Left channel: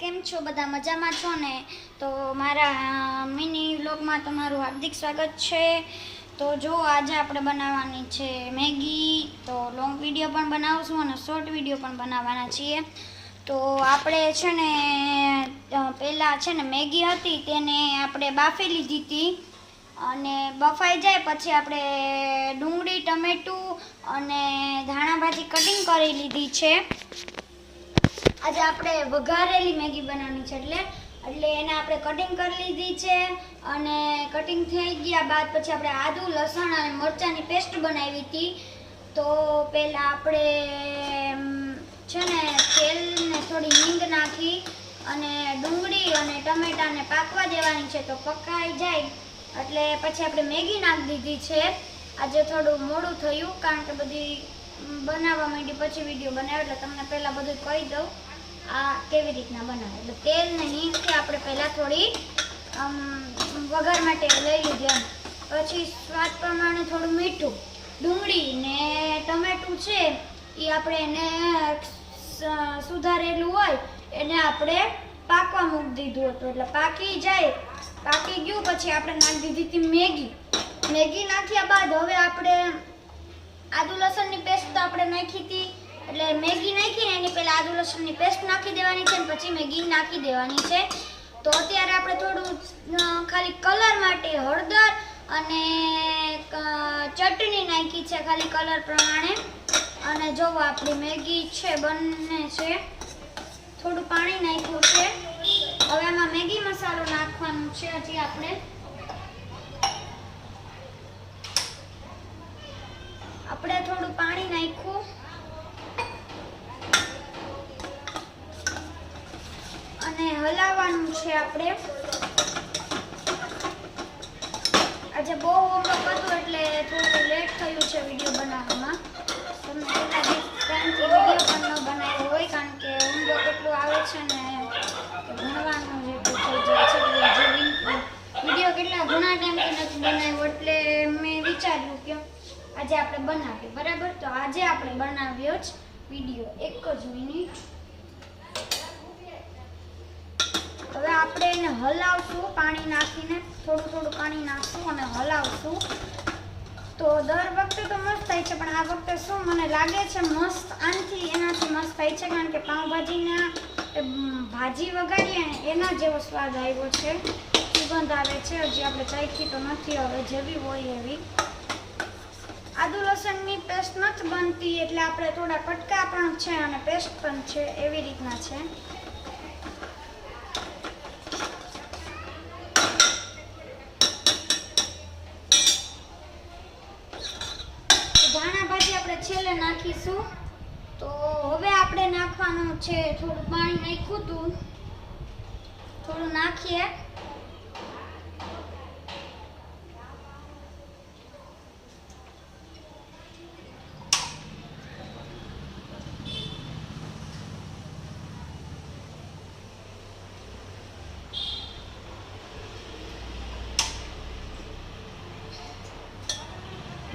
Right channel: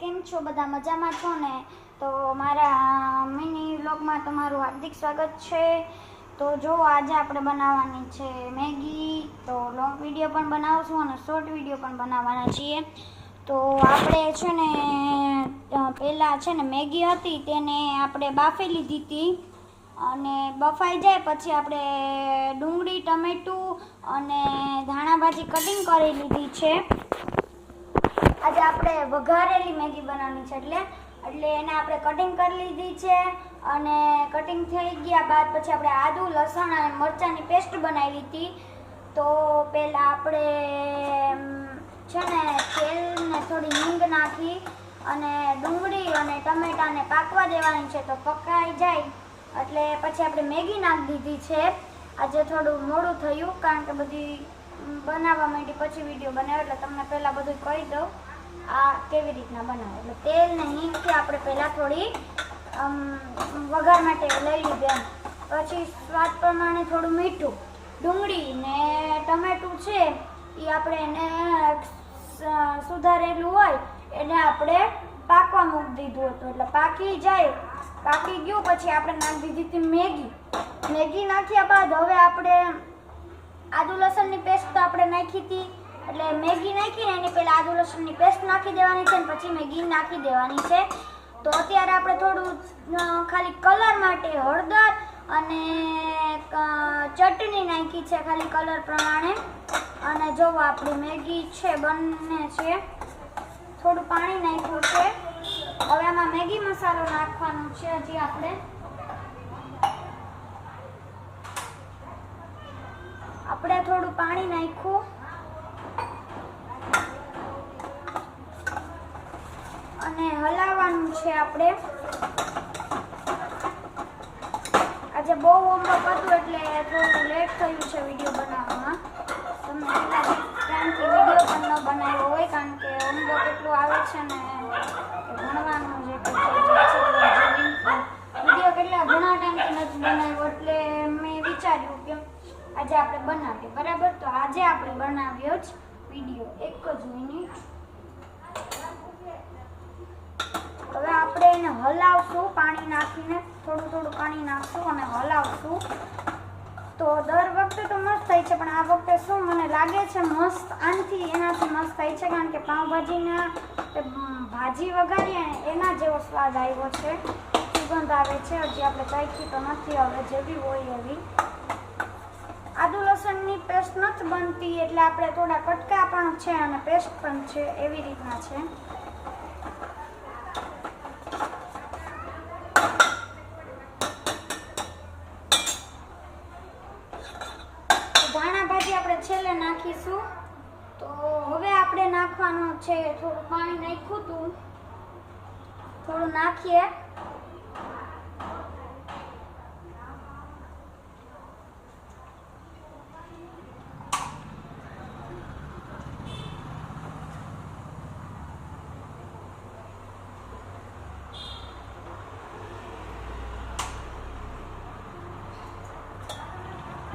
કેમ છો બધા મજામાં છો ને? તો મારા મિની વ્લોગમાં તમારું હાર્દિક સ્વાગત છે. તો જો આજે આપણે બનાવવાની છે મેગી. તો લોંગ વિડીયો પણ બનાવશું અને શોર્ટ વિડીયો પણ બનાવવાના છીએ. તો આપણે છે ને પહેલાં છે ને મેગી હતી તેને આપણે બાફી લીધી હતી અને બફાઈ જાય પછી આપણે ડુંગળી ટમેટું અને ધાણા ભાજી કટિંગ કરી લીધી છે. આજે આપણે વઘારેલી મેગી બનાવવાની છે એટલે એને આપણે કટિંગ કરી લીધી છે અને કટિંગ થઈ ગયા બાદ પછી આપણે આદુ લસણ અને મરચાંની પેસ્ટ બનાવી હતી. તો પહેલાં આપણે છે ને તેલને થોડી હિંગ નાખી અને ડુંગળી અને ટમેટાને પાકવા દેવાની છે. તો પકાઈ જાય એટલે પછી આપણે મેગી નાખી દીધી છે. આજે થોડું મોડું થયું કારણ કે બધી બનાવવા માંડી પછી વિડીયો બનાવ્યો એટલે તમને પહેલાં બધું કહી દઉં આ કેવી રીતના બનાવે. એટલે તેલ ને હિંગથી આપણે પહેલાં થોડી વઘાર માટે લઈ લીધી પછી સ્વાદ પ્રમાણે થોડું મીઠું, ડુંગળી ને ટમેટું છે એ આપણે એને સુધારેલું હોય એને આપણે પાકવા મૂકી દીધું હતું. એટલે પાકી ગયું પછી આપણે નાખી દીધી હતી મેગી નાખ્યા બાદ હવે આપણે આદુ લસણની પેસ્ટ તો આપણે નાખી હતી એટલે મેગી નાખીને એની પહેલાં આદુ લસણની પેસ્ટ નાખી દેવાની છે અને પછી મેગી નાખી દેવાની છે. તો અત્યારે આપણે થોડું ખાલી કલર માટે હળદર અને ચટણી નાખી છે ખાલી કલર પ્રમાણે. અને જો આપણી મેગી છે બંને છે થોડું પાણી નાખ્યું છે. હવે આમાં મેગી મસાલો નાખવાનો છે. હજી આપણે થોડું પાણી નાખ્યું અને હલાવવાનું છે. આપણે આજે બહુ હોમવર્ક હતું એટલે થોડું લેટ થયું છે વિડીયો બનાવવામાં. તમને કેટલા ટાઈમથી વિડીયો પણ ન બનાવ્યો હોય કારણ કે હોમવર્ક એટલું આવે છે ને કે ભણવાનું જ એટલું થઈ જાય છે. વિડીયો કેટલા ઘણા ટાઈમથી નથી બનાવ્યો એટલે મેં વિચાર્યું કે આજે આપણે બનાવીએ બરાબર. તો આજે આપણે બનાવ્યો જ વિડીયો 1 જ મિનિટ. હવે આપણે એને હલાવશું પાણી નાખીને થોડું પાણી નાખશું અને હલાવશું. તો દર વખતે તો મસ્ત થાય છે પણ આ વખતે શું મને લાગે છે મસ્ત એનાથી મસ્ત થાય છે કારણ કે પાઉંભાજીના ભાજી વઘારીએ ને એના જેવો સ્વાદ આવ્યો છે, સુગંધ આવે છે. હજી આપણે ચાખી તો નથી, હવે જેવી હોય એવી. આદુ લસણની પેસ્ટ નથી બનતી એટલે આપણે થોડા કટકા પણ છે અને પેસ્ટ પણ છે એવી રીતના છે. ધાણા ભાજી આપણે છેલ્લે નાખીશું. તો હવે આપણે નાખવાનું છે થોડું પાણી નાખ્યું હતું થોડું નાખીએ.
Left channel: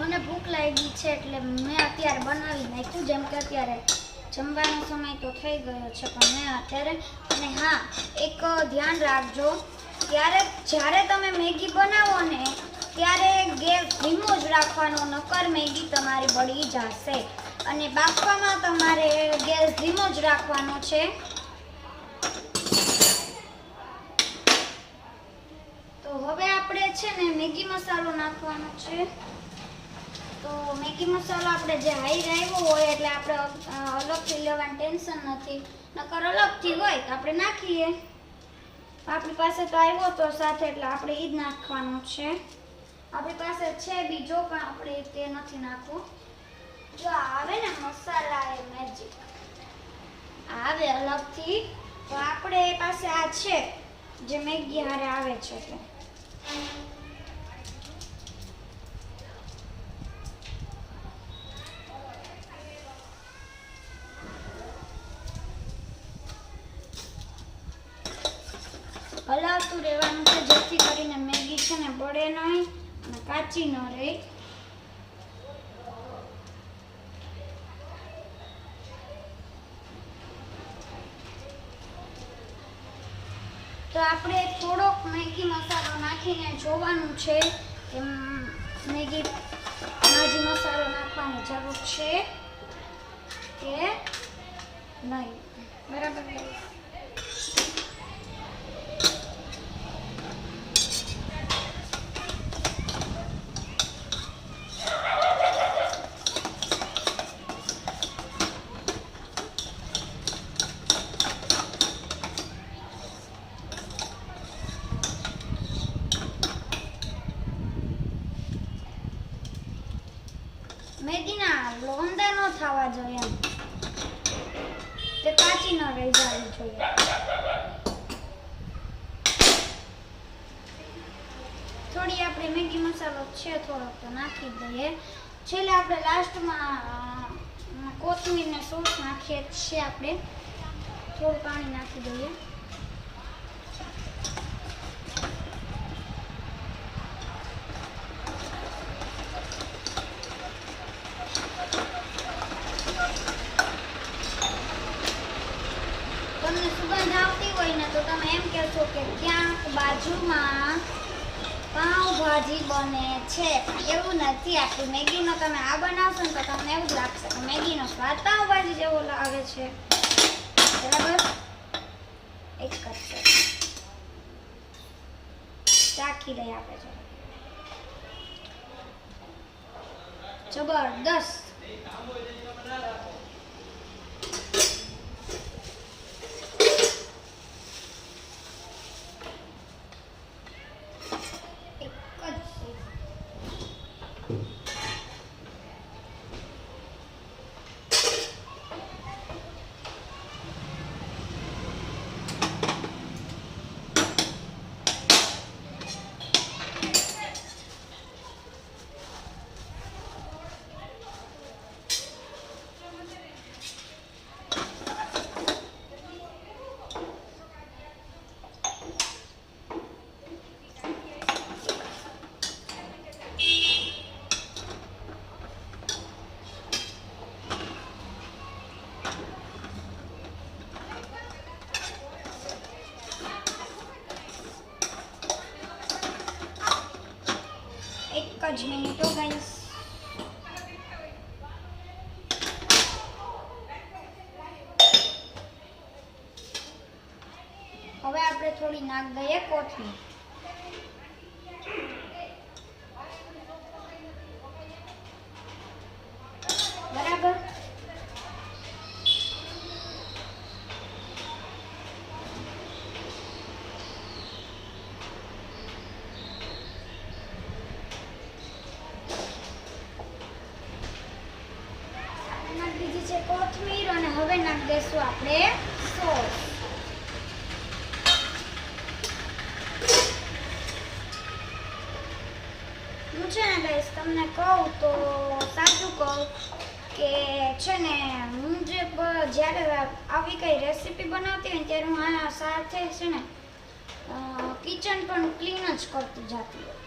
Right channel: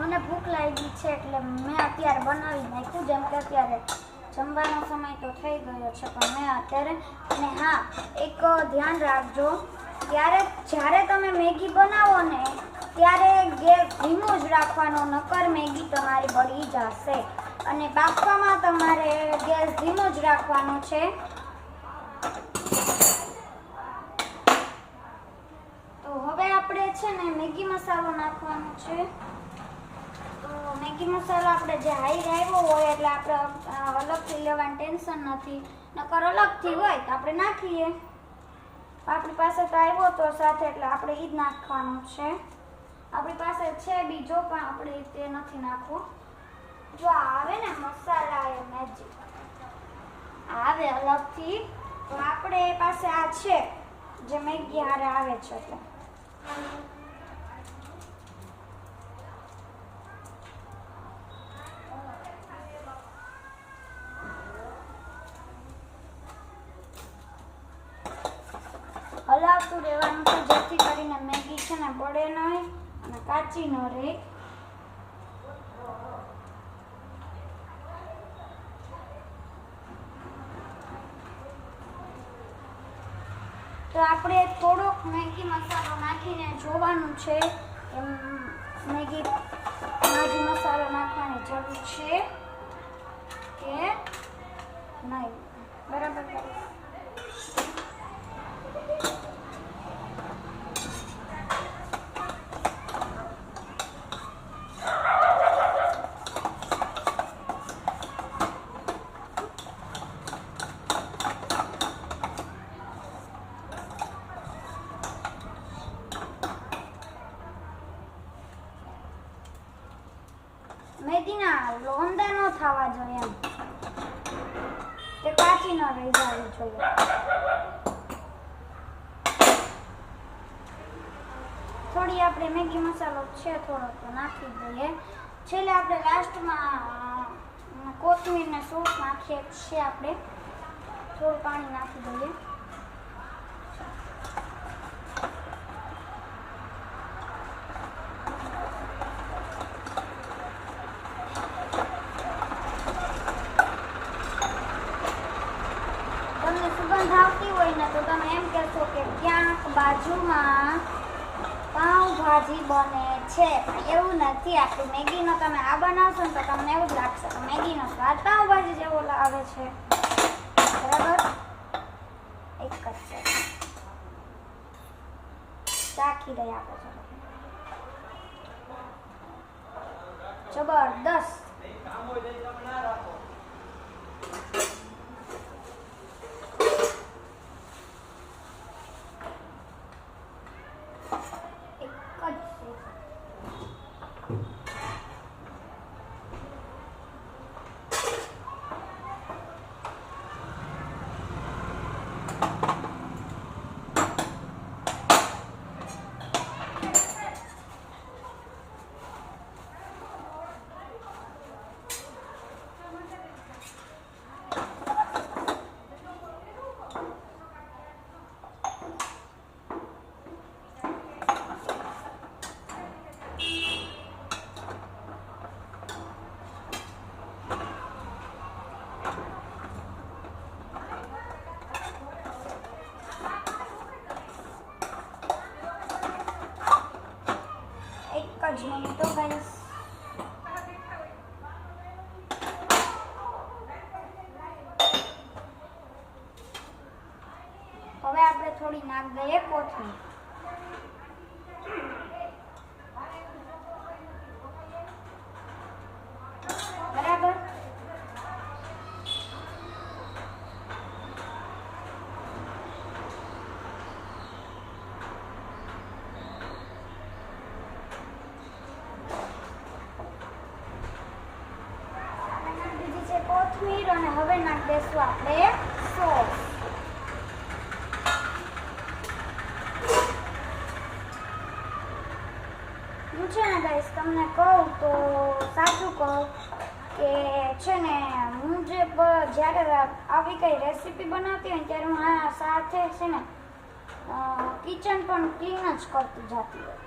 મને ભૂખ લાગી છે એટલે મેં અત્યારે બનાવી નાખ્યું. જેમ કે અત્યારે જમવાનો સમય તો થઈ ગયો છે પણ મેં અત્યારે. અને હા, એક ધ્યાન રાખજો જ્યારે તમે મેગી બનાવો ને ત્યારે ગેસ ધીમો જ રાખવાનો, નકર મેગી તમારી બળી જશે. અને બાફવામાં તમારે ગેસ ધીમો જ રાખવાનો છે. તો હવે આપણે છે ને મેગી મસાલો નાખવાનો છે. તો મેગી મસાલો આપણે જે હાઈ આવ્યો હોય એટલે આપણે અલગથી લેવાનું ટેન્શન નથી, નકર અલગથી હોય તો આપણે નાખીએ. આપણી પાસે તો આવ્યો તો સાથે એટલે આપણે એ જ નાખવાનું છે. આપણી પાસે છે બીજો પણ આપણે તે નથી નાખવો. જો આવે ને મસાલા એ મેજિક આવે અલગથી તો આપણે પાસે આ છે જે મેગી હારે આવે છે. એટલે હલાવતું રહેવાનું છે જેથી કરીને મેગી છે ને બળે નહીં અને કાચી ન રહે. તો આપણે થોડોક મેગી મસાલો નાખીને જોવાનું છે એમ મેગી ભાજી મસાલો નાખવાની જરૂર છે કે નહીં. બરાબર ગાઈસ. મેગીના લોંદા ન થવા જોઈએ એમ, તે કાચી ન રહી જવી જોઈએ. થોડી આપણે મેગી મસાલો છે થોડો તો નાખી દઈએ. છેલ્લે આપણે લાસ્ટમાં કોથમીર ને સોસ નાખીએ છીએ. આપણે થોડું પાણી નાખી દઈએ. તમને સુગંધ આવતી હોય ને તો તમે એમ કહેશો કે ક્યાંક બાજુમાં પાઉંભાજી બને છે, પણ એવું નથી. આપણી મેગીનો તમે આ બનાવશો ને તો તમને એવું જ લાગશે કે મેગીનો સ્વાદ પાઉંભાજી જેવો આવે છે. બરાબર. એક જ ચાખી લઈએ આપણે. જબરદસ્ત. જ મિનિટો ગાઈસ. હવે આપણે થોડી નાખ દઈએ કોથમીર. બરાબર. કોથમીર અને હવે નાખ દેશું આપણે સોસ. હું છે ને ગાઈસ તમને કહું તો સાચું કહું કે છે ને હું જ્યારે આવી કઈ રેસીપી બનાવતી હોય ત્યારે હું આ સાથે છે ને કિચન પણ ક્લીન જ કરતી જતી હોય.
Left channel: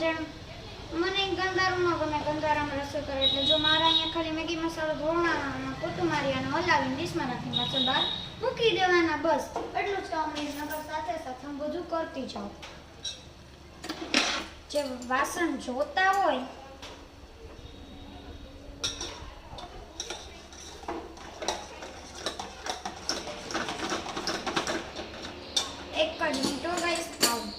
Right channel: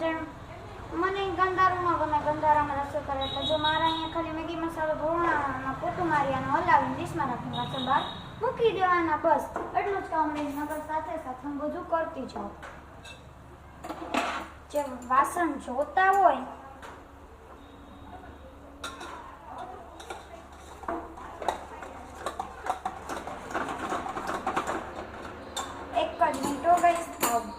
જેમ મને ગંધારું ન ગમે, ગંધારામાં રસોઈ કરે એટલે જો મારા અહીંયા ખાલી મેગી મસાલો ધોરણામાં પોતું મારી અને હલાવીને ડીશમાં નાખીને વાસણ બહાર મૂકી દેવાના. બસ એટલું જ કામ નહીં. નગર સાથે સાથે હું બધું કરતી જાઉં. જે વાસણ જોતા હોય એક જ મિનિટો ગાઈસ. આવું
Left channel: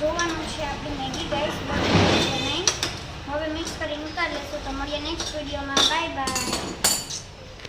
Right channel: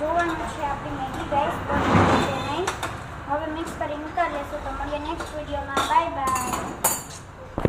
જોવાનું છે આપણી મેગી ગાઈસ બની છે નહીં. હવે મિક્સ કરીને ઉતારી લેશું. તો મળીએ નેક્સ્ટ વિડીયોમાં. Bye bye.